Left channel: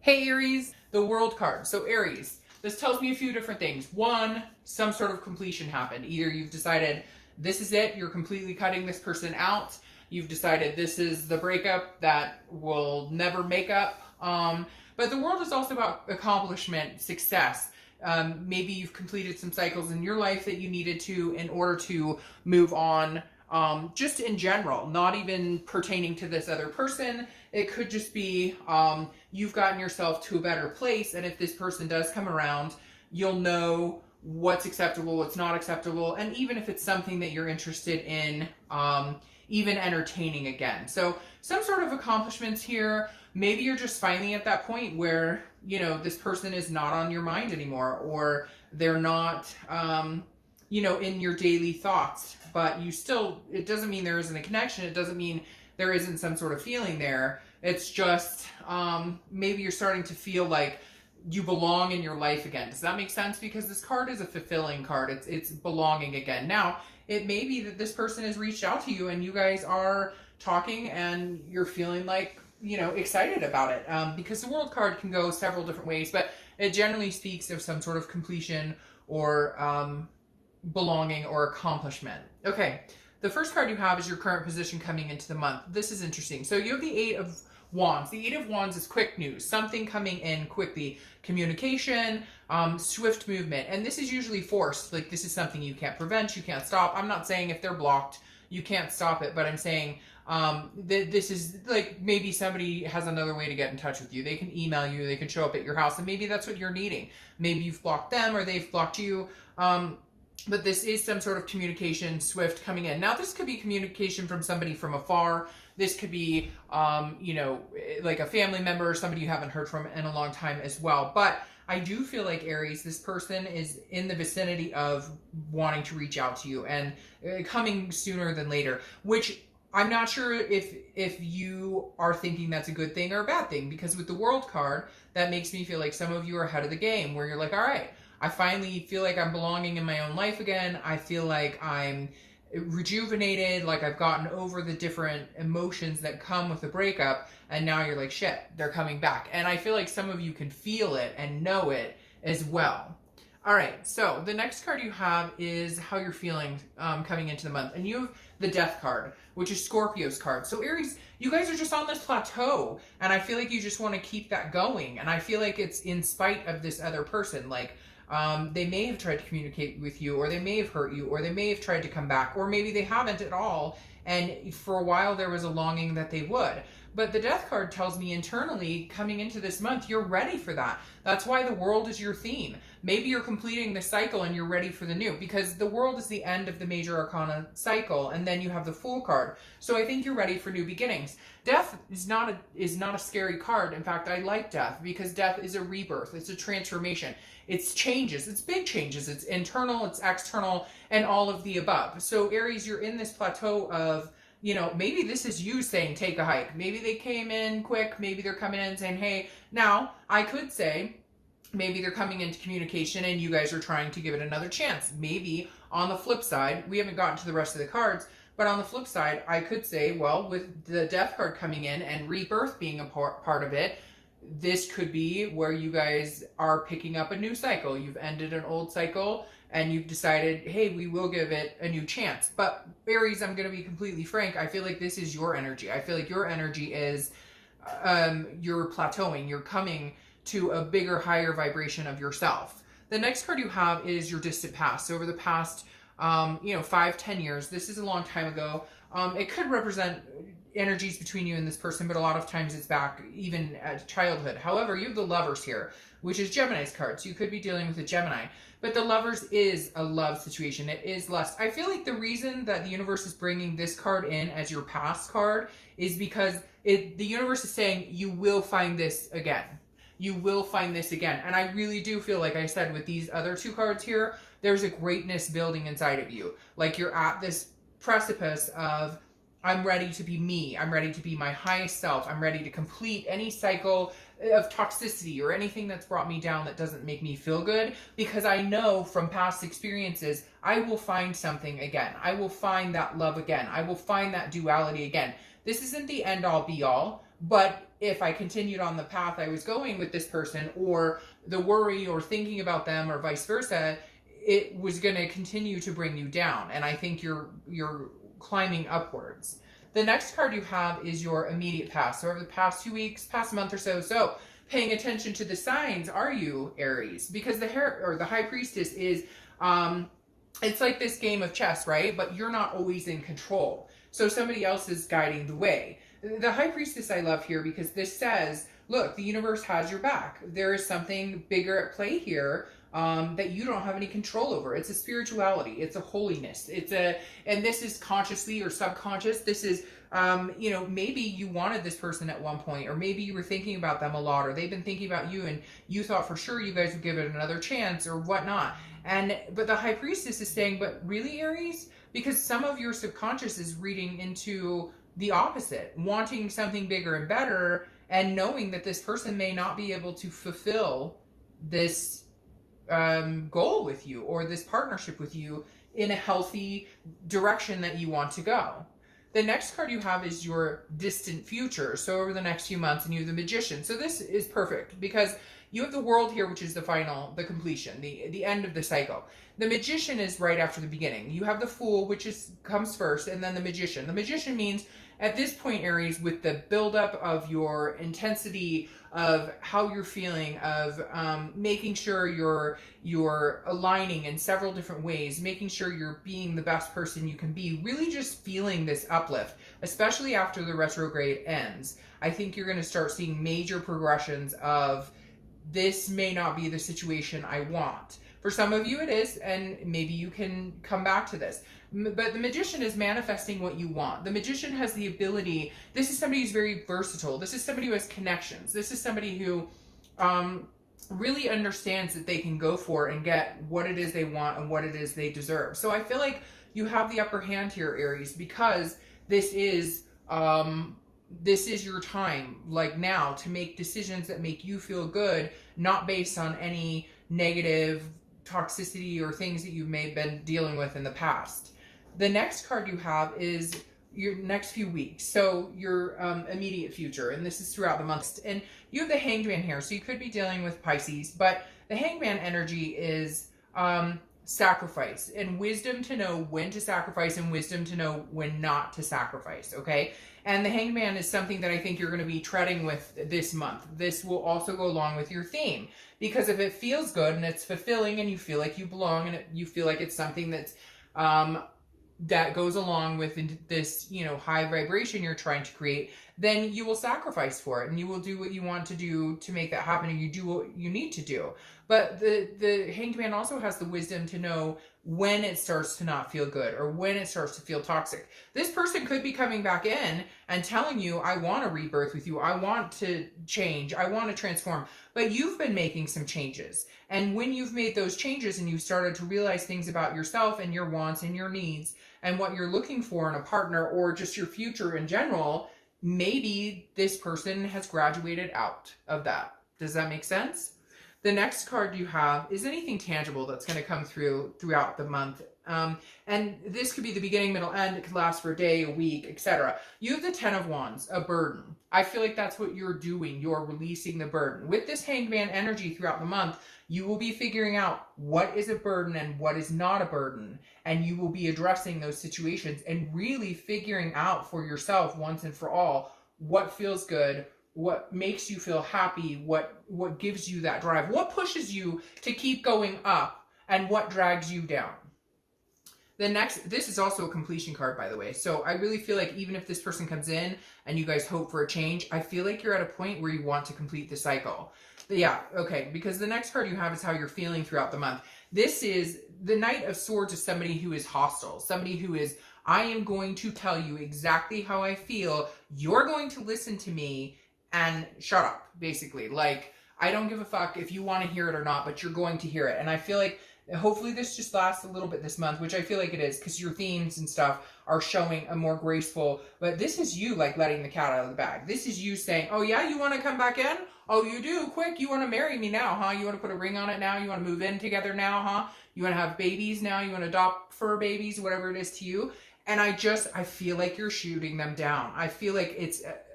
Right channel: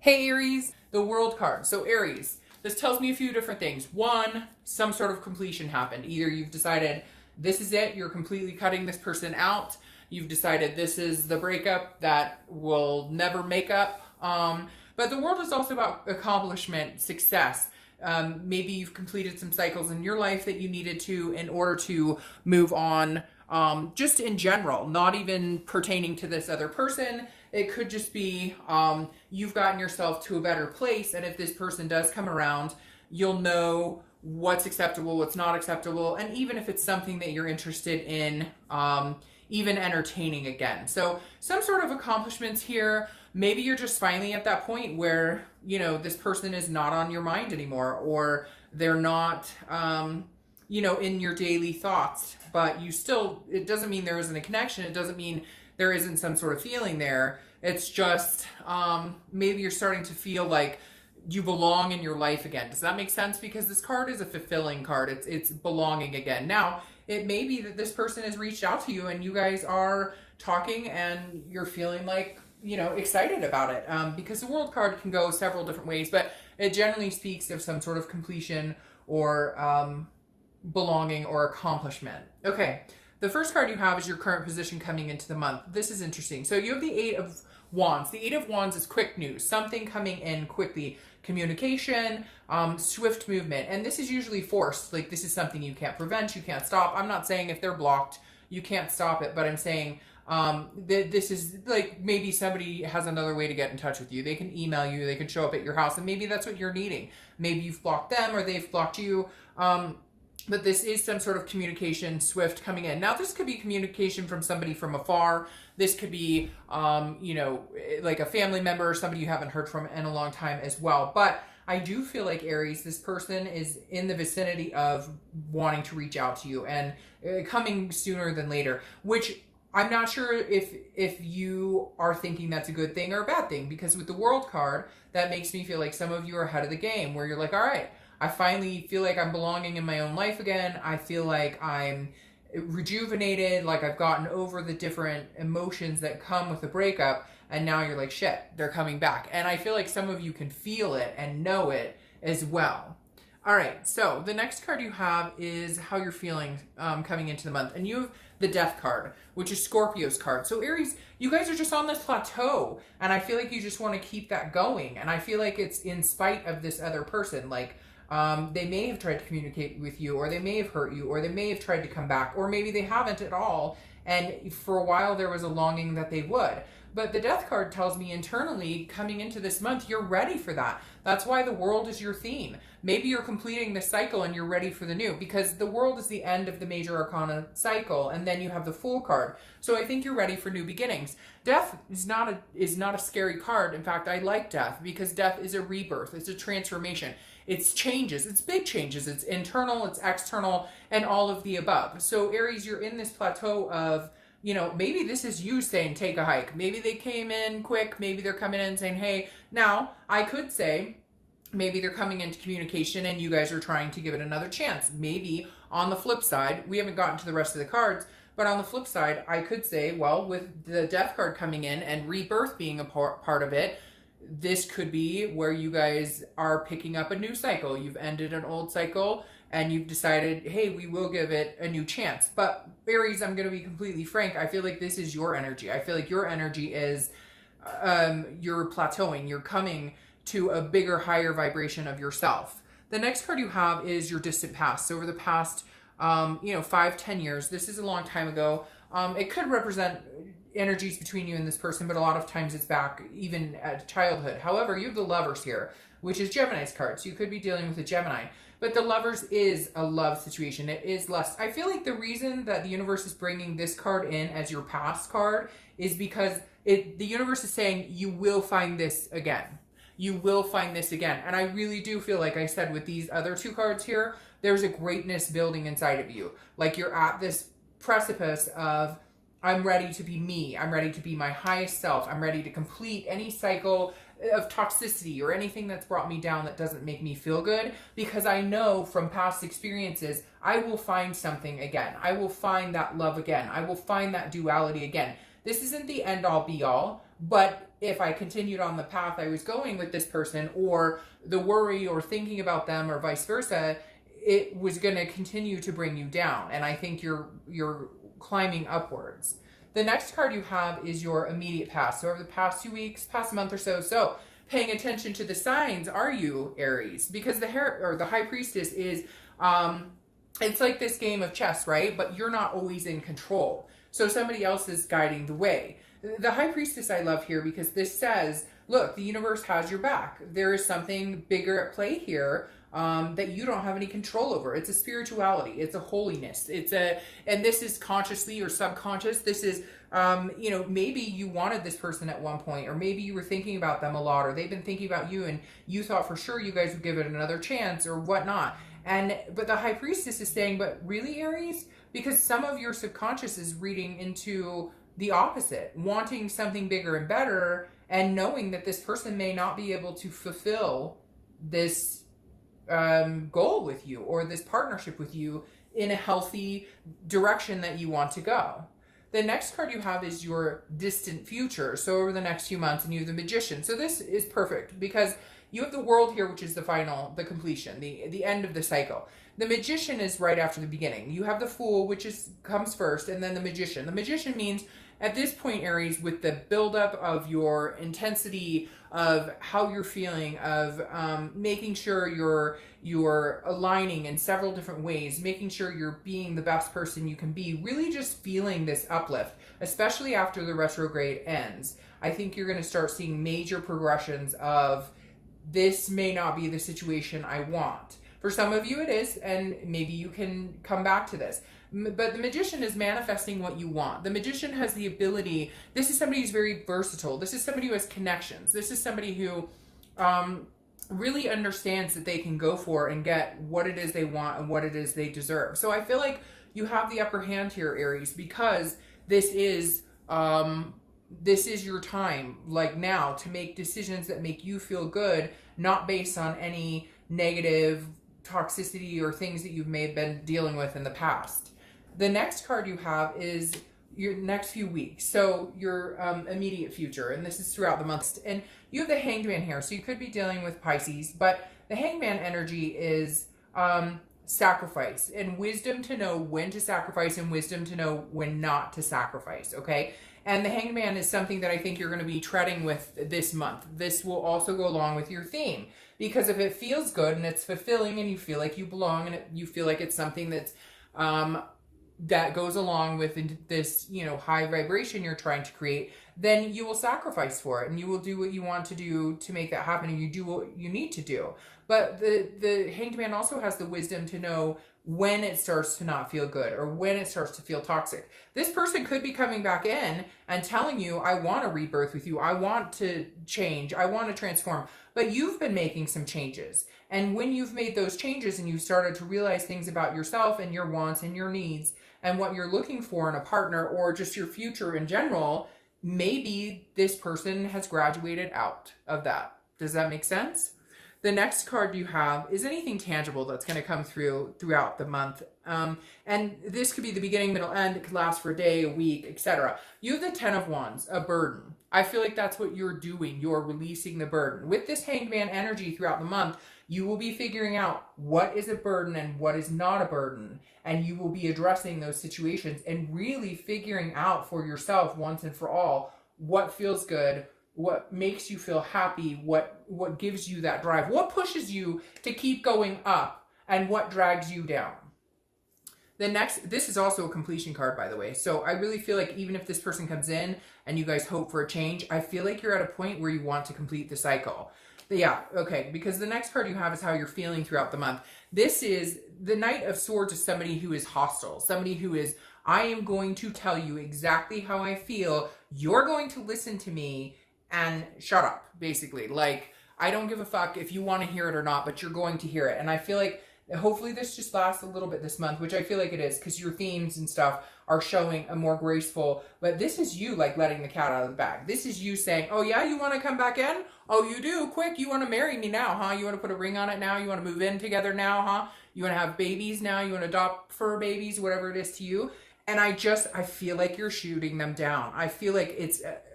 Hey Aries, the World card. So Aries, this tells me a few different things. One, some sort of completion happened. Either you've decided this is it, you're completely cutting this person out. You've decided this is the breakup that will never make up. But the World is also about accomplishment, success. Maybe you've completed some cycles in your life that you needed to in order to move on. Just in general, not even pertaining to this other person. It could just be you've gotten yourself to a better place, and if this person does come around, you'll know what's acceptable, what's not acceptable, and even if it's something that you're interested in, even entertaining again. So some sort of accomplishments here. Maybe you're just finally at that point where, you know, this person is not on your mind anymore, or they're not, you know, in your daily thoughts, but you still, it doesn't mean there isn't a connection. It doesn't mean there isn't some sort of feeling there. It's just, maybe you're starting to feel like you belong in your life again. Does that make sense? Because this card is a fulfilling card. It's belonging again. Now, it may be that this person has reached out to you and you guys are talking and you're feeling like, you know, excited about it. Because the World card can go several different ways, but it generally speaks of some sort of completion or belonging or accomplishment. Okay, the first card you have is your current position coming into the month. This is interesting. So you have the Eight of Wands. The Eight of Wands is quick news, something coming in quickly, communication, swift movement, and this is usually forced. Like, this is something you can't prevent, you can't stop. I'm not saying if they're blocked you can't stop it, but I'm saying this is like, maybe somebody has another way to get in touch with you. They can email you, they can show up at your house, and maybe that's what you're needing. Maybe you've blocked them or they've blocked you. But this is some sort of communication swift coming in. Now, this could be communication from somebody from afar. This could be, you know, like a family member or somebody you haven't heard from in a long time as well. But I do feel like, Aries, this person is in the vicinity of wanting to reach out to you and coming sooner than later, which I'm not sure if you are thinking that's a good thing or a bad thing, because with the World card, that makes me feel like some of you are ahead of the game, where you're like, all right, I finally feel like I'm belonging in my own life again. I feel like I'm rejuvenated, like I've gotten over the different emotions that come with the breakup, and now you're like, shit, they're coming back. And I feel like some of you can feel it and know it as well. All right, so the next card you have is how you're feeling coming into the month. And you have the Death card, which is Scorpio's card. So Aries, you guys are just on this plateau, and I feel like you just want to keep that going. And I feel like it's in spite of this other person. Like, they may have tried to communicate with you, or they may have hurt you, or they may have tried to come back, or maybe they haven't at all. And for a while there was a longing that they would. But the Death card tells me internally, coming into this month, you're ready for that. That's why the World is your theme. Maybe you're completing the cycle and you're ready for the new, because the World is the end of the major arcana cycle, and then you have the Fool card. So I think you're ready for new beginnings. Death is not a scary card. In fact, I like death, because death is a rebirth. It's a transformation. It's changes. It's big changes. It's internal, it's external, and all of the above. So Aries, you're in this plateau of, you know, maybe this is you saying, take a hike. Maybe they came in quick. Maybe they're coming in saying, hey. Now, I could say, maybe they're coming into communication and you guys are trying to give it another chance. Maybe on the flip side, we haven't gotten to the rest of the cards, but on the flip side, I could say, well, with the Death card coming in and rebirth being a part of it, this could be where you guys are picking up a new cycle. You've ended an old cycle and you've decided, hey, we will give it a new chance. But Aries, I'm going to be completely frank, I feel like this is your energy. I feel like your energy is, you're plateauing. You're coming to a bigger, higher vibration of yourself. The next card you have is your distant past. So over the past, you know, 5-10 years, this is a long time ago. It could represent energies between you and this person, but a lot of times it's back even at childhood. However, you have the Lovers here, which is Gemini's card. So you could be dealing with a Gemini. But the Lovers is a love situation. It is lust. I feel like the reason that the universe is bringing this card in as your past card is because the universe is saying you will find this again. You will find this again. And I really do feel like I said with these other two cards here, there's a greatness building inside of you. Like you're at this precipice of, I'm ready to be me. I'm ready to be my highest self. I'm ready to complete any cycle of toxicity or anything that's brought me down that doesn't make me feel good, because I know from past experiences, I will find something again. I will find that love again. I will find that duality again. This isn't the end all be all, But if I continued on the path I was going with this person, or the worry or thinking about them or vice versa, it was going to continue to bring you down. And I think you're climbing upwards. The next card you have is your immediate past. So over the past 2 weeks, past month or so. So paying attention to the signs, are you Aries? Because the High Priestess is, it's like this game of chess, right? But you're not always in control. So somebody else is guiding the way. The High Priestess I love here because this says, look, the universe has your back. There is something bigger at play here that you don't have any control over. It's a spirituality. It's a holiness. And this is consciously or subconscious. This is, you know, maybe you wanted this person at one point, or maybe you were thinking about them a lot, or they've been thinking about you and you thought for sure you guys would give it another chance or whatnot. But the High Priestess is saying, but really, Aries? Because some of your subconscious is reading into the opposite, wanting something bigger and better, and knowing that this person may not be able to fulfill this goal with you or this partnership with you in a healthy direction that you want to go. The next card you have is your distant future. So over the next few months, and you have the Magician. So this is perfect because you have the World here, which is the completion, the end of the cycle. The Magician is right after the beginning. You have the Fool, which comes first, and then the Magician. The Magician means at this point, Aries, with the buildup of your intensity, of how you're feeling, of making sure you're aligning in several different ways, making sure you're being the best person you can be, really just feeling this uplift, especially after the retrograde ends. I think you're going to start seeing major progressions of, this may not be the situation I want. For some of you it is, and maybe you can come back to this. But the Magician is manifesting what you want. The Magician has the ability, this is somebody who's very versatile. This is somebody who has connections. This is somebody who really understands that they can go for and get what it is they want and what it is they deserve. So I feel like you have the upper hand here, Aries, because this is your time, like now, to make decisions that make you feel good, not based on any negative toxicity or things that you've may have been dealing with in the past. The next card you have is your next few weeks, so your immediate future, and this is throughout the month. And you have the Hanged Man here, so you could be dealing with Pisces, but the Hanged Man energy is sacrifice and wisdom to know when to sacrifice and wisdom to know when not to sacrifice, okay? And the Hanged Man is something that I think you're going to be treading with this month. This will also go along with your theme, because if it feels good and it's fulfilling and you feel like you belong and you feel like it's something that's that goes along with this, you know, high vibration you're trying to create, then you will sacrifice for it and you will do what you want to do to make that happen, and you do what you need to do. But the Hanged Man also has the wisdom to know when it starts to not feel good or when it starts to feel toxic. This person could be coming back in and telling you, I want to rebirth with you. I want to change. I want to transform. But you've been making some changes. And when you've made those changes and you've started to realize things about yourself and your wants and your needs and what you're looking for in a partner or just your future in general, maybe this person has graduated out of that. Does that make sense? The next card you have is anything tangible that's going to come throughout the month. And this could be the beginning, middle, end. It could last for a day, a week, etc. You have the 10 of Wands, a burden. I feel like that's what you're doing. You're releasing the burden. With this Hanged Man energy throughout the month, you will be figuring out what is a burden and what is not a burden. And you will be addressing those situations and really figuring out for yourself once and for all what feels good, what makes you feel happy, what gives you that drive, what pushes you to keep going up, and what drags you down. This is also a completion card, by the way. So I really feel like even if this person comes in and you guys hope for a change, I feel like you're at a point where you want to complete the cycle. But yeah, okay, because the next card you have is how you're feeling throughout the month. This is the Knight of Swords, is somebody who is hostile, somebody who is, I am going to tell you exactly how I feel. You're going to listen to me and shut up, basically. Like, I don't give a fuck if you want to hear it or not, but you're going to hear it. And I feel like hopefully this just lasts a little bit this month, which I feel like it is, because your themes and stuff are showing a more graceful, but this is you like letting the cat out of the bag. This is you saying, oh yeah, you want to come back in? Oh, you do? Quick, you want to marry me now, huh? You want to put a ring on it now? You want to move in together now, huh? You want to have babies now? You want to adopt fur babies, whatever it is to you? And I feel like you're shooting them down. I feel like it's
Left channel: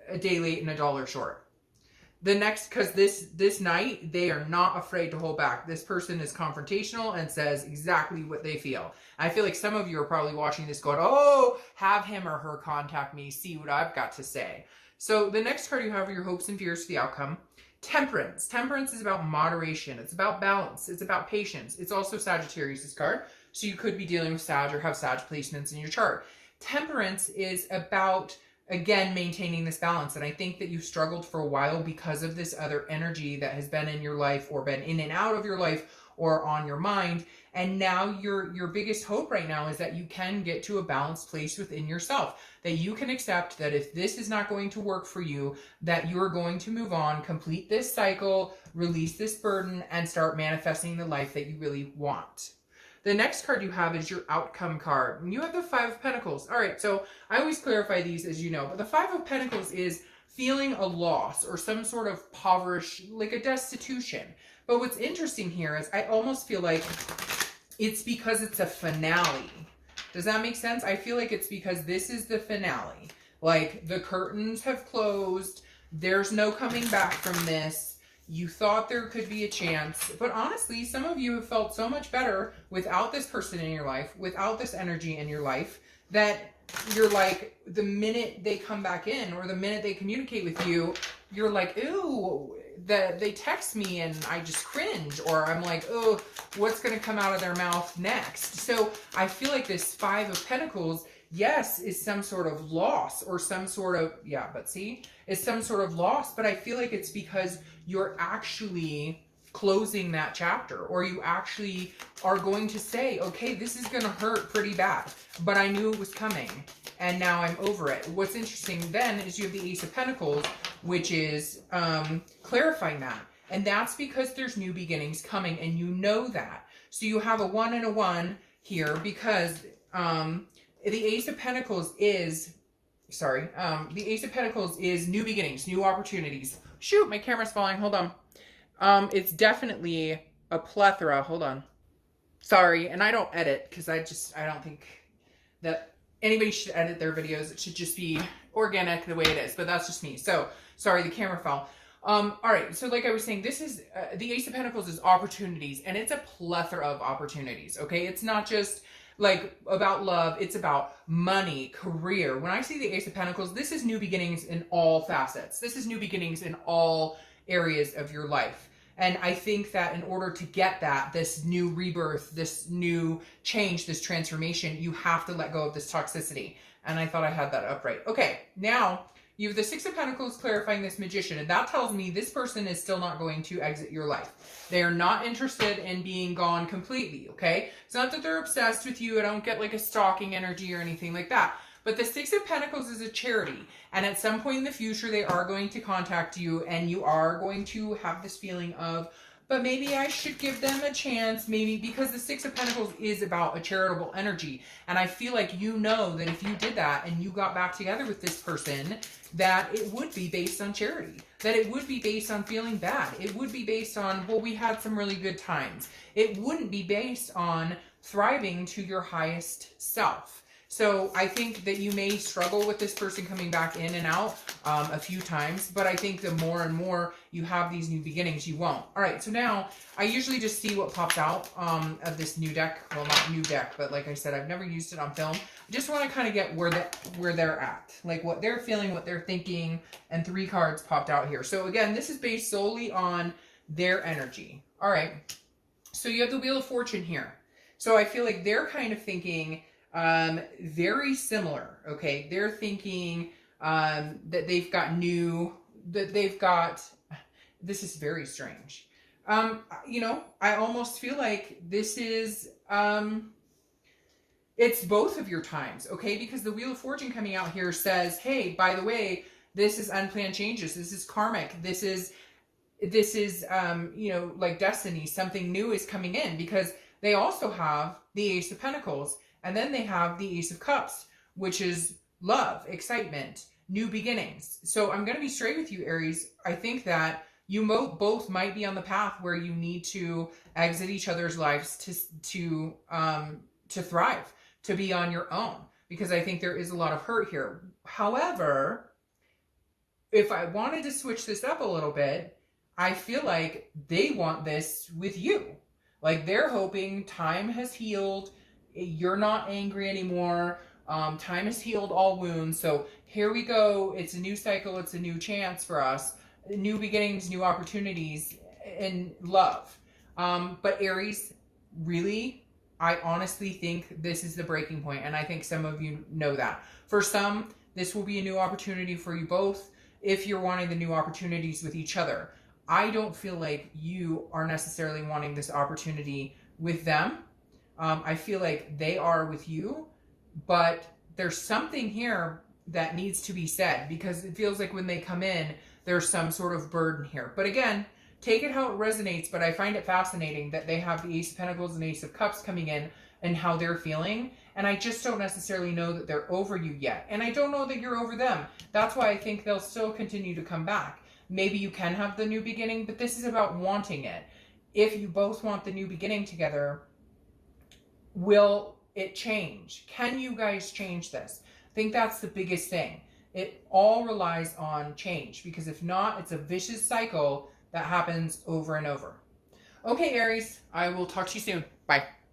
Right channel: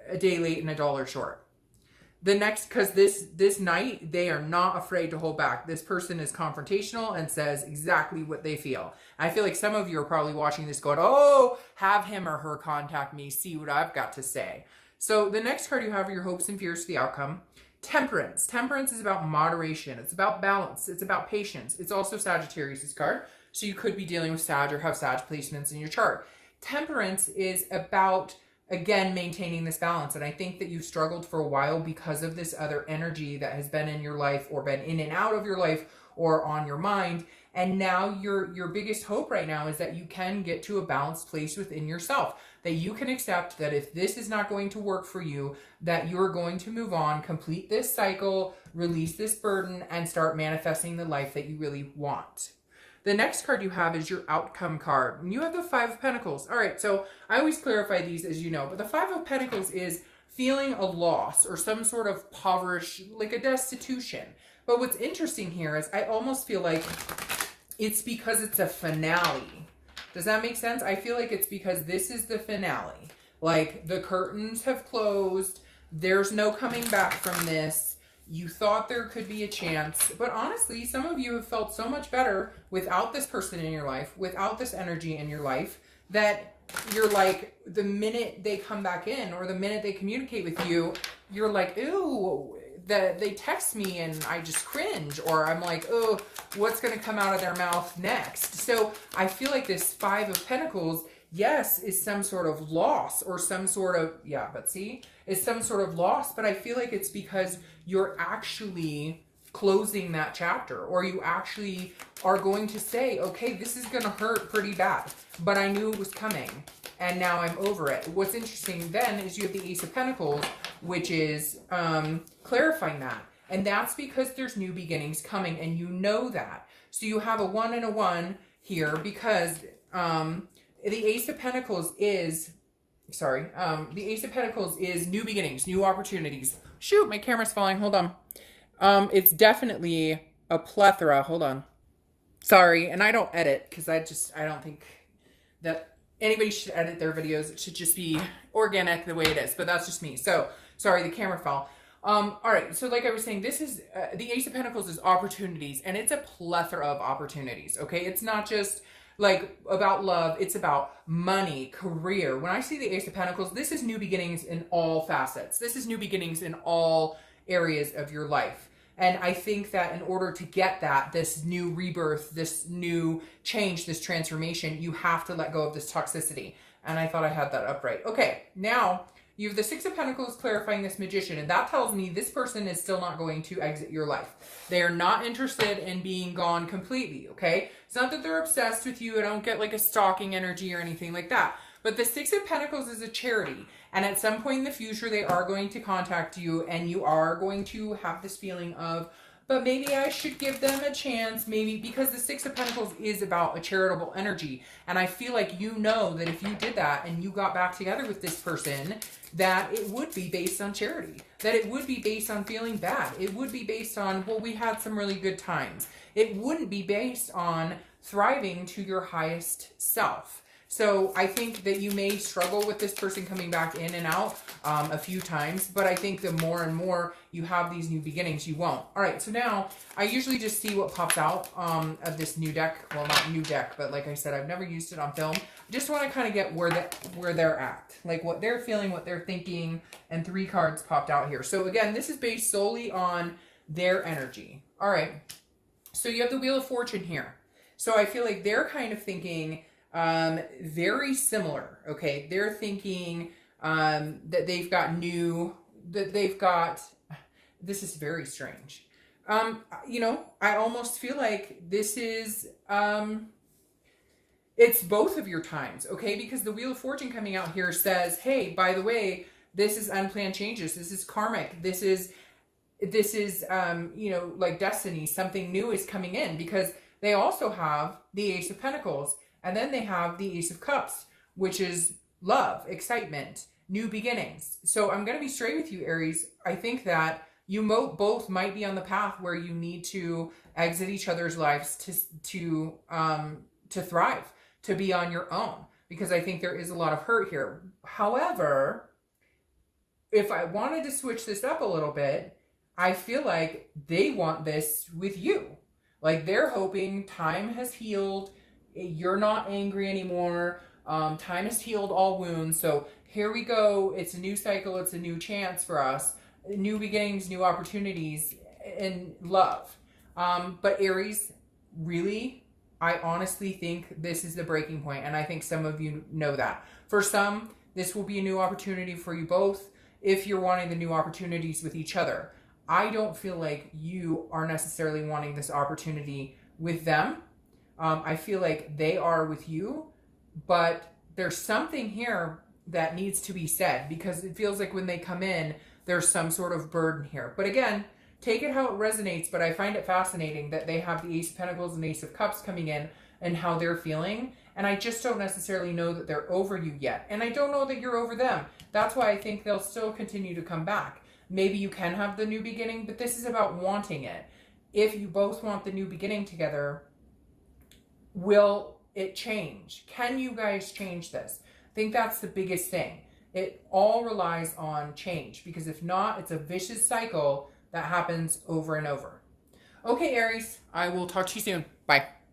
a day late and a dollar short. The next, because this night, they are not afraid to hold back. This person is confrontational and says exactly what they feel. I feel like some of you are probably watching this going, oh, have him or her contact me, see what I've got to say. So the next card you have are your hopes and fears for the outcome. Temperance. Temperance is about moderation. It's about balance. It's about patience. It's also Sagittarius' card. So you could be dealing with Sag or have Sag placements in your chart. Temperance is about, again, maintaining this balance. And I think that you've struggled for a while because of this other energy that has been in your life or been in and out of your life or on your mind. And now your biggest hope right now is that you can get to a balanced place within yourself, that you can accept that if this is not going to work for you, that you're going to move on, complete this cycle, release this burden, and start manifesting the life that you really want. The next card you have is your outcome card. You have the Five of Pentacles. All right, so I always clarify these, as you know, but the Five of Pentacles is feeling a loss or some sort of poverty, like a destitution. But what's interesting here is I almost feel like it's because it's a finale. Does that make sense? I feel like it's because this is the finale. Like the curtains have closed. There's no coming back from this. You thought there could be a chance, but honestly, some of you have felt so much better without this person in your life, without this energy in your life, that you're like, the minute they come back in or the minute they communicate with you, you're like, ooh, they text me and I just cringe, or I'm like, oh, what's going to come out of their mouth next? So I feel like this Five of Pentacles, yes, is some sort of loss or some sort of, yeah, but see, it's some sort of loss, but I feel like it's because you're actually closing that chapter, or you actually are going to say, okay, this is going to hurt pretty bad, but I knew it was coming and now I'm over it. What's interesting then is you have the Ace of Pentacles, which is clarifying that. And that's because there's new beginnings coming and you know that. So you have a 1 and a 1 here because the Ace of Pentacles is, the Ace of Pentacles is new beginnings, new opportunities. Shoot, my camera's falling. Hold on. It's definitely a plethora. Hold on. Sorry, and I don't edit because I don't think that anybody should edit their videos. It should just be organic the way it is, but that's just me. So, sorry, the camera fell. All right, so like I was saying, this is, the Ace of Pentacles is opportunities, and it's a plethora of opportunities, okay? It's not just like about love, it's about money, career. When I see the Ace of Pentacles, this is new beginnings in all facets. This is new beginnings in all areas of your life. And I think that in order to get that, this new rebirth, this new change, this transformation, you have to let go of this toxicity. And I thought I had that up right. Okay, now you have the Six of Pentacles clarifying this Magician, and that tells me this person is still not going to exit your life. They are not interested in being gone completely, okay? It's not that they're obsessed with you. I don't get like a stalking energy or anything like that. But the Six of Pentacles is a charity, and at some point in the future, they are going to contact you, and you are going to have this feeling of, but maybe I should give them a chance, maybe, because the Six of Pentacles is about a charitable energy. And I feel like you know that if you did that and you got back together with this person, that it would be based on charity, that it would be based on feeling bad. It would be based on, well, we had some really good times. It wouldn't be based on thriving to your highest self. So I think that you may struggle with this person coming back in and out a few times, but I think the more and more you have these new beginnings, you won't. All right, so now I usually just see what pops out of this new deck. Well, not new deck, but like I said, I've never used it on film. I just want to kind of get where they're at, like what they're feeling, what they're thinking, and 3 cards popped out here. So again, this is based solely on their energy. All right, so you have the Wheel of Fortune here. So I feel like they're kind of thinking very similar, okay? They're thinking that they've got this is very strange. You know, I almost feel like this is, it's both of your times, okay? Because the Wheel of Fortune coming out here says, hey, by the way, this is unplanned changes. This is karmic. This is, you know, like destiny. Something new is coming in, because they also have the Ace of Pentacles. And then they have the Ace of Cups, which is love, excitement, new beginnings. So I'm going to be straight with you, Aries. I think that you both might be on the path where you need to exit each other's lives to thrive, to be on your own, because I think there is a lot of hurt here. However, if I wanted to switch this up a little bit, I feel like they want this with you. Like they're hoping time has healed, you're not angry anymore, time has healed all wounds, so here we go, it's a new cycle, it's a new chance for us, new beginnings, new opportunities, and love. But Aries, really, I honestly think this is the breaking point, and I think some of you know that. For some, this will be a new opportunity for you both if you're wanting the new opportunities with each other. I don't feel like you are necessarily wanting this opportunity with them. I feel like they are with you, but there's something here that needs to be said, because it feels like when they come in, there's some sort of burden here. But again, take it how it resonates, but I find it fascinating that they have the Ace of Pentacles and Ace of Cups coming in and how they're feeling. And I just don't necessarily know that they're over you yet. And I don't know that you're over them. That's why I think they'll still continue to come back. Maybe you can have the new beginning, but this is about wanting it. If you both want the new beginning together, will it change? Can you guys change this? I think that's the biggest thing. It all relies on change, because if not, it's a vicious cycle that happens over and over. Okay, Aries, I will talk to you soon. Bye.